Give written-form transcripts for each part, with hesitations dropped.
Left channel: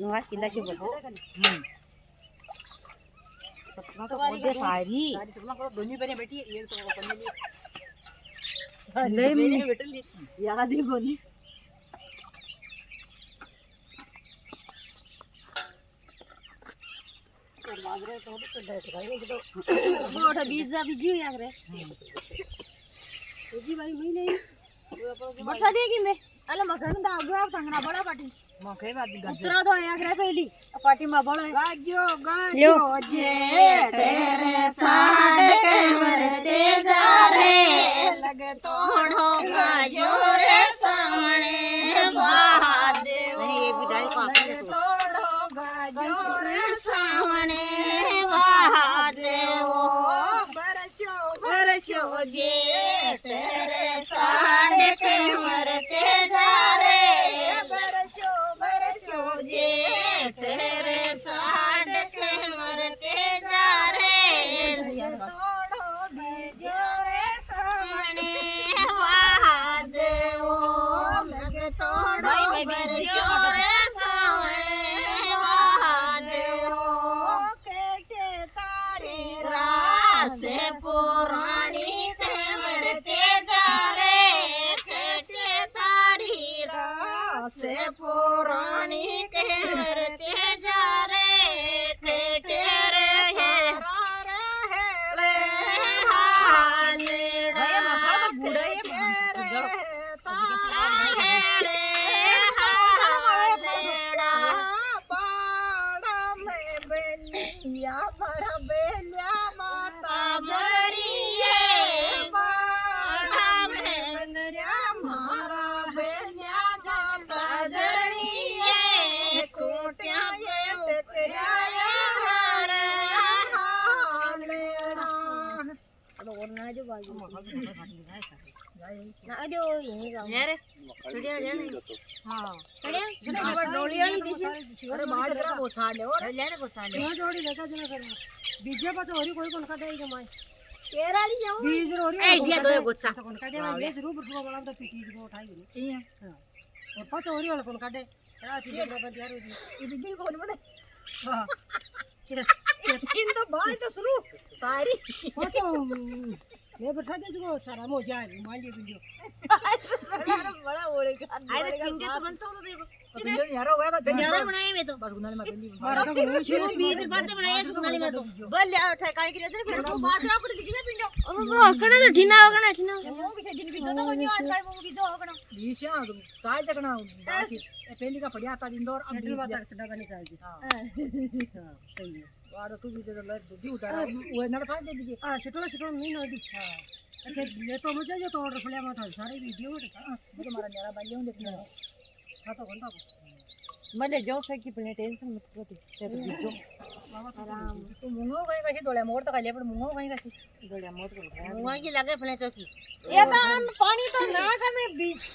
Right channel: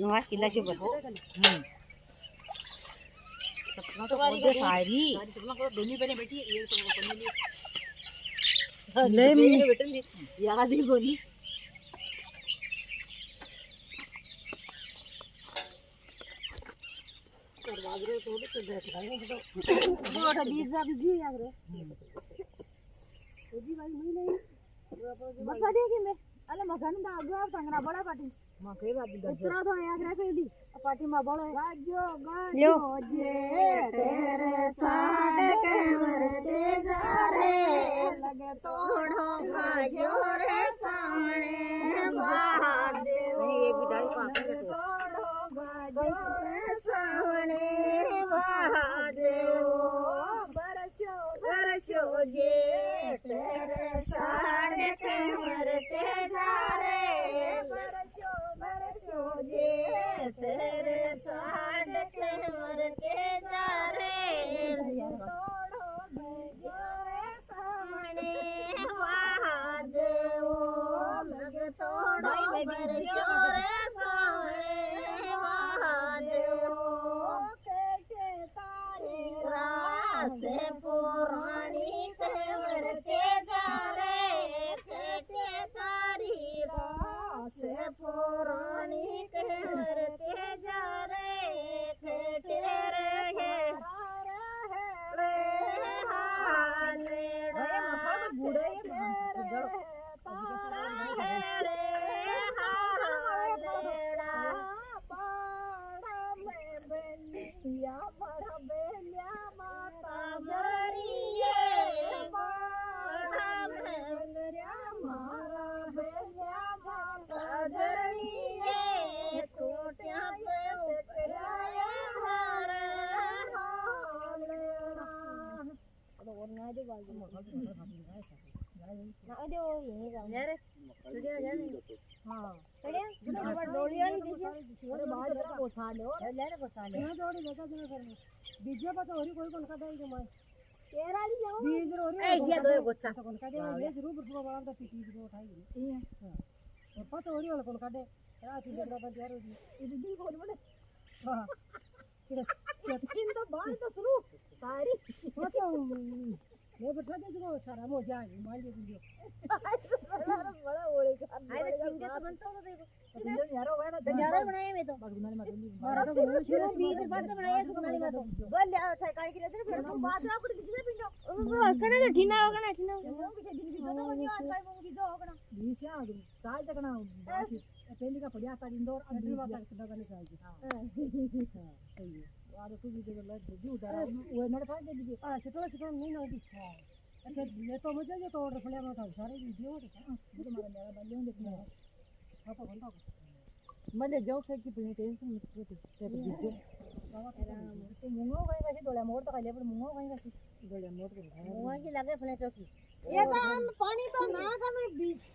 नवा किला से बहो सपना तो बहुत है सारी सपना को दोनों बहनें बैठी है एक तो अपने लिए ले मेरे बेटे लिए याद ही बोली और बाजरे तो बैठ गए तो बोट बीज बीजी यार रे जी भाई वही नहीं बरसा देगी मैं अले मगन दा आगो सांगना बड़ा पाटी मके बात उतरा दो यार रे पहली पाटी में बड़ा गाजो जे तेरे साथ के मरते जा रे लगे तोड़ो गाजो रे सामने महादेव ये भी डाली पास तोड़ो गाजो रे सामने महादेव बरसो जे तेरे साथ के मरते जा रे बरसो जे तेरे साथ के मरते जा रे तोड़ो बीजो रे सामने महादेव लगे तोड़ो बरसो रे सामने महादेव केटे तारे रासे पुरानी ते मरते जा रे केटे तारी रासे पुरानी के मरते जा रे केटे रे है रे हालेड़ा केटे रे तारा है रे हालेड़ा पाड़ा में बेलिया बड़ा बेलिया माता मरिए पाड़ा में बेलिया मारा बेलिया जाता धरनिए कोटिया ये तेरा यार हालेड़ा और ना जो बाजू ना जो यही जाओ यार छुड़िया ले हां छुड़िया अब डोली आई दिसी अरे बाड़ करा पोछा ले और ले रे पोछा ले जोड़ी लेका जना कर बीजे पर तो होरी कोई कोन का देई जमाई केराली जाऊ बीज रोरी ए दिया दो गोछा कोन का दे बीज रू बुठो वाला तो पीटी को उठाई गई ए और पतो होरी वाला कोन का दे आ सीधे बाबा यार ये बीज कोन बने हां इन तो बाय तो शुरू सारी वो तो मैं बैठा दे जो सारा मो जाए मान लिए वीडियो बड़ा बोलेगा आए तो पिंडे तो बनता हो तो देखो पिंडे यार होगा तो यार बनाए मैं तो बस गुनाली में पहली मारा तो बीज बात बनाया गुनाली में तो बोल ले ठकाई के इधर फिर वो बात ना पड़ लीजिए पिंडो वो कड़ा तो ढीना होगा ना ढीना वो किसे दिन भी तो कोई आज का वो भी तो होगा ना बीशा काय तकना बाकी पहली का बढ़िया था इंदौर अब ड्रिल बात सदा करनी चाहिए हां सही है वाडो तू भी दे ले दूधी उतारा वो नड़ पाए दे दीजिए हां छटो नहीं ना दी हां अच्छा ये तो मुझे जो तोड़ फले में था सारे वीडियो हां मुझे मारा मेरा बालियों देखना हां तो घंटा मले जो से की प्लेट टेंशन मत करो ते तो बीजो आराम तू मुंगो कहीं कैसे डोले मोड़ तो खाली पर मुंगो कहीं कैसे डोले मोड़ को मुंगा की लगे फले चौकी ये तो पानी तो ना करने बीज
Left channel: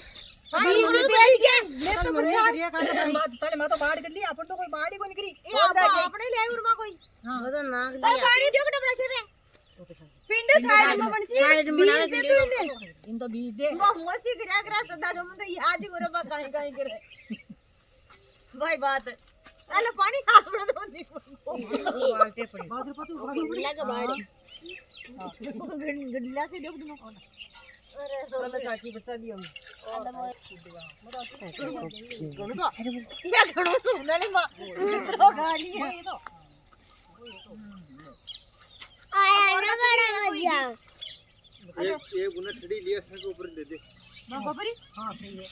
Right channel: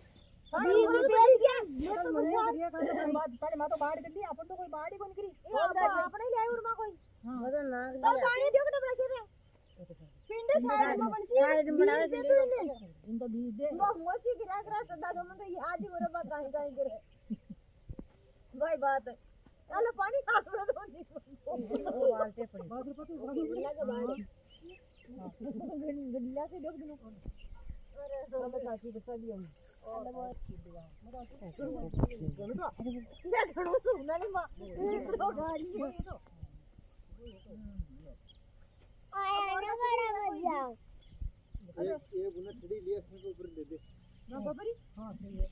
बीज बैठ गया ले तो प्रसाद बात पहले मैं तो बाड़ कर ली अपन तो कोई बाड़ी को निकली अपने ले उरमा कोई हां वो तो नाग दिया पानी दियो के डबड़ा से पिंड साइड में बनसी साइड में बना दे तू ने इन तो बीज दे मोसी गिरा करा सदा जो मन तो याद ही करे बा काई काई करे भाई बात अरे पानी हाथ में तो नहीं वालते पड़ी बादर पतू लगा बाड़ी हां गड्ला से देख दो अरे तो चाची बता दी हम क्या घणो तो नहीं मां तो गाली है तो आया ना बड़ा मजा एक गुना ठड़ी लिया है ऊपर दे दे मां गोबरी हां सही है